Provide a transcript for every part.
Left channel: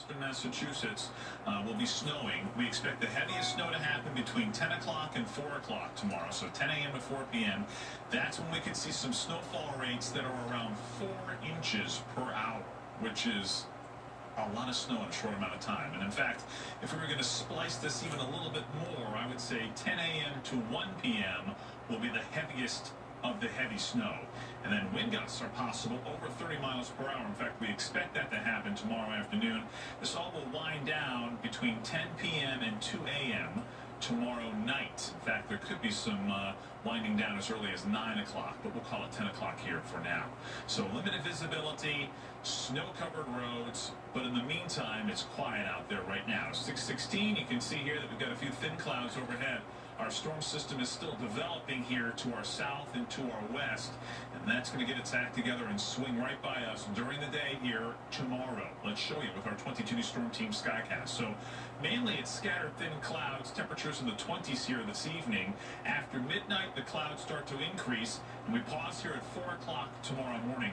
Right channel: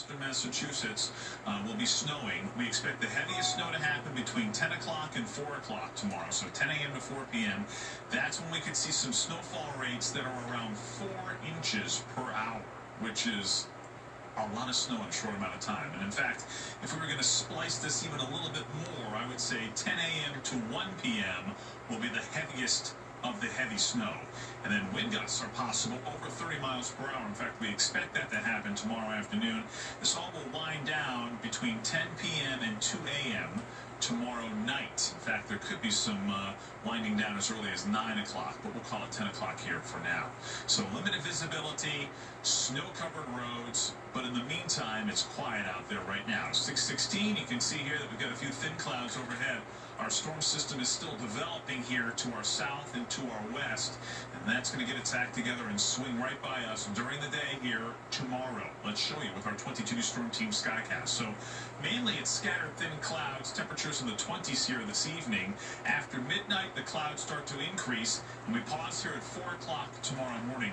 western Massachusetts will be snowing. We expect the heaviest snow to happen between 10 o'clock and 4 o'clock tomorrow, so 10 a.m. to 4 p.m. That's when we could see some snowfall rates that are around 4 inches per hour, which is a lot of snow in a short amount of time. And in fact, if we were going to splice this even a little bit more, I would say 10 a.m. to 1 p.m. will be the heaviest of the heavy snow. And then wind gusts are possible over 30 miles per hour. In fact, we expect that to happen tomorrow afternoon. This all will wind down between 10 p.m. and 2 a.m. tomorrow night. In fact, there could be some winding down as early as 9 o'clock, but we'll call it 10 o'clock here for now. So limited visibility, snow-covered roads, but in the meantime, it's quiet out there right now. 6:16, you can see here that we've got a few thin clouds overhead. Our storm system is still developing here to our south and to our west, and that's going to get its act together and swing right by us during the day here tomorrow. Let's show you with our 22 News Storm Team Skycast. So mainly it's scattered thin clouds, temperatures in the 20s here this evening. After midnight, the clouds start to increase, and we pause here at 4 o'clock tomorrow morning.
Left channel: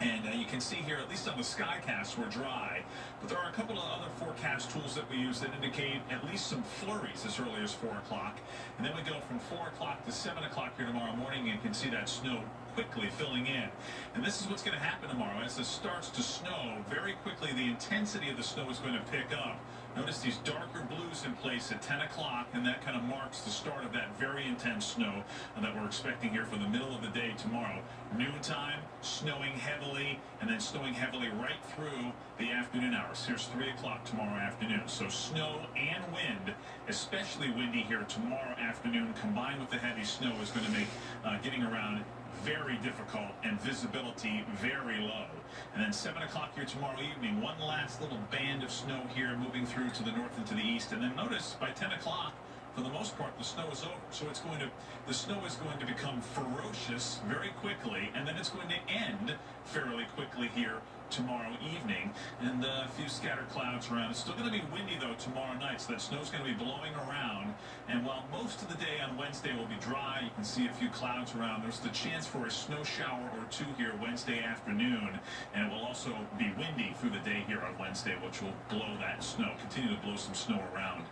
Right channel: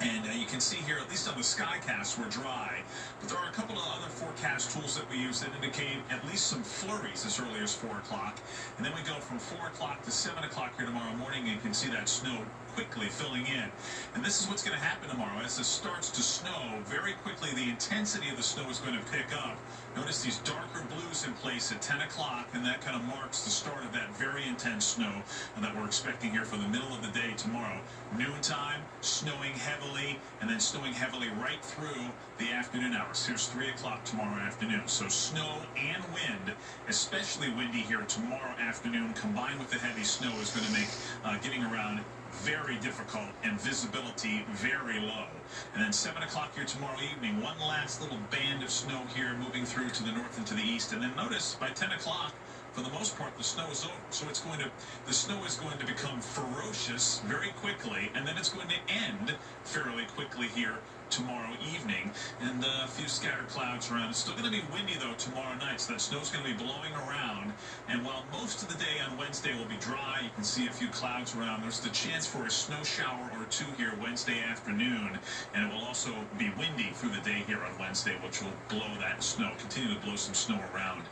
And you can see here, at least on the Skycast, we're dry. But there are a couple of other forecast tools that we use that indicate at least some flurries as early as 4 o'clock. And then we go from 4 o'clock to 7 o'clock here tomorrow morning, and you can see that snow quickly filling in. And this is what's going to happen tomorrow. As it starts to snow, very quickly the intensity of the snow is going to pick up. Notice these darker blues in place at 10 o'clock, and that kind of marks the start of that very intense snow that we're expecting here for the middle of the day tomorrow. Noontime, snowing heavily, and then snowing heavily right through the afternoon hours. Here's 3 o'clock tomorrow afternoon. So snow and wind, especially windy here tomorrow afternoon, combined with the heavy snow, is going to make getting around very difficult and visibility very low. And then 7 o'clock here tomorrow evening, one last little band of snow here moving through to the north and to the east. And then notice by 10 o'clock, for the most part, the snow is over. So the snow is going to become ferocious very quickly, and then it's going to end fairly quickly here tomorrow evening, and a few scattered clouds around. It's still going to be windy, though, tomorrow night, so that snow's going to be blowing around. And while most of the day on Wednesday will be dry, you can see a few clouds around. There's the chance for a snow shower or two here Wednesday afternoon, and it will also be windy through the day here on Wednesday, which will blow that snow, continue to blow some snow around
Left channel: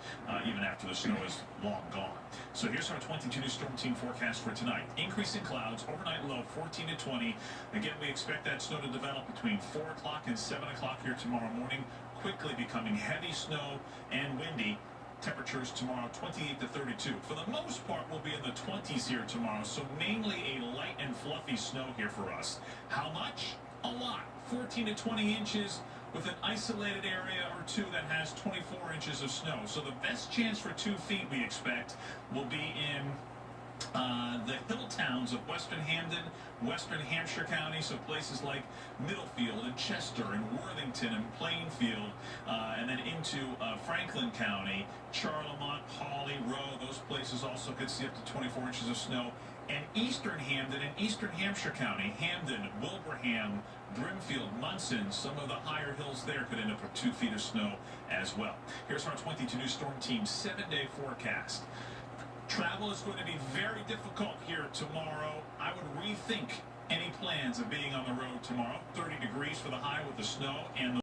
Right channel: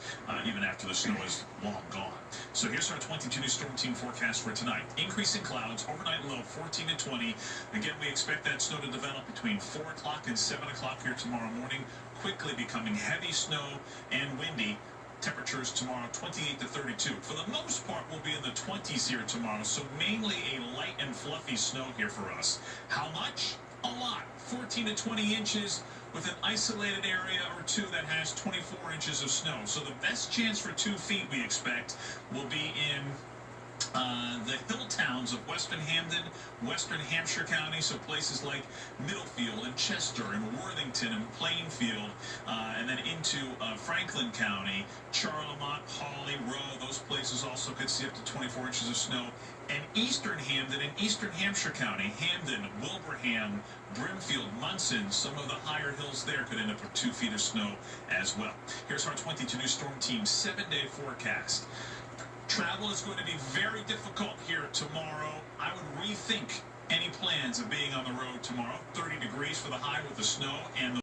even after the snow is long gone. So here's our 22 News Storm Team forecast for tonight. Increasing clouds, overnight low 14 to 20. Again, we expect that snow to develop between 4 o'clock and 7 o'clock here tomorrow morning, quickly becoming heavy snow and windy. Temperatures tomorrow 28 to 32. For the most part, we'll be in the 20s here tomorrow, so mainly a light and fluffy snow here for us. How much? A lot. 14 to 20 inches with an isolated area or two that has 24 inches of snow. So the best chance for 2 feet, we expect, will be in the hill towns of Western Hamden, Western Hampshire County, so places like Middlefield and Chester and Worthington and Plainfield, and then into Franklin County, Charlemont, Hawley, Rowe. Those places also could see up to 24 inches of snow. And Eastern Hamden and Eastern Hampshire County, Hamden, Wilbraham, Brimfield, Munson, some of the higher hills there could end up with 2 feet of snow as well. Here's our 22 News Storm Team 7-day forecast. Travel is going to be very difficult here tomorrow. I would rethink any plans of being on the road tomorrow. 30 degrees for the high with the snow and the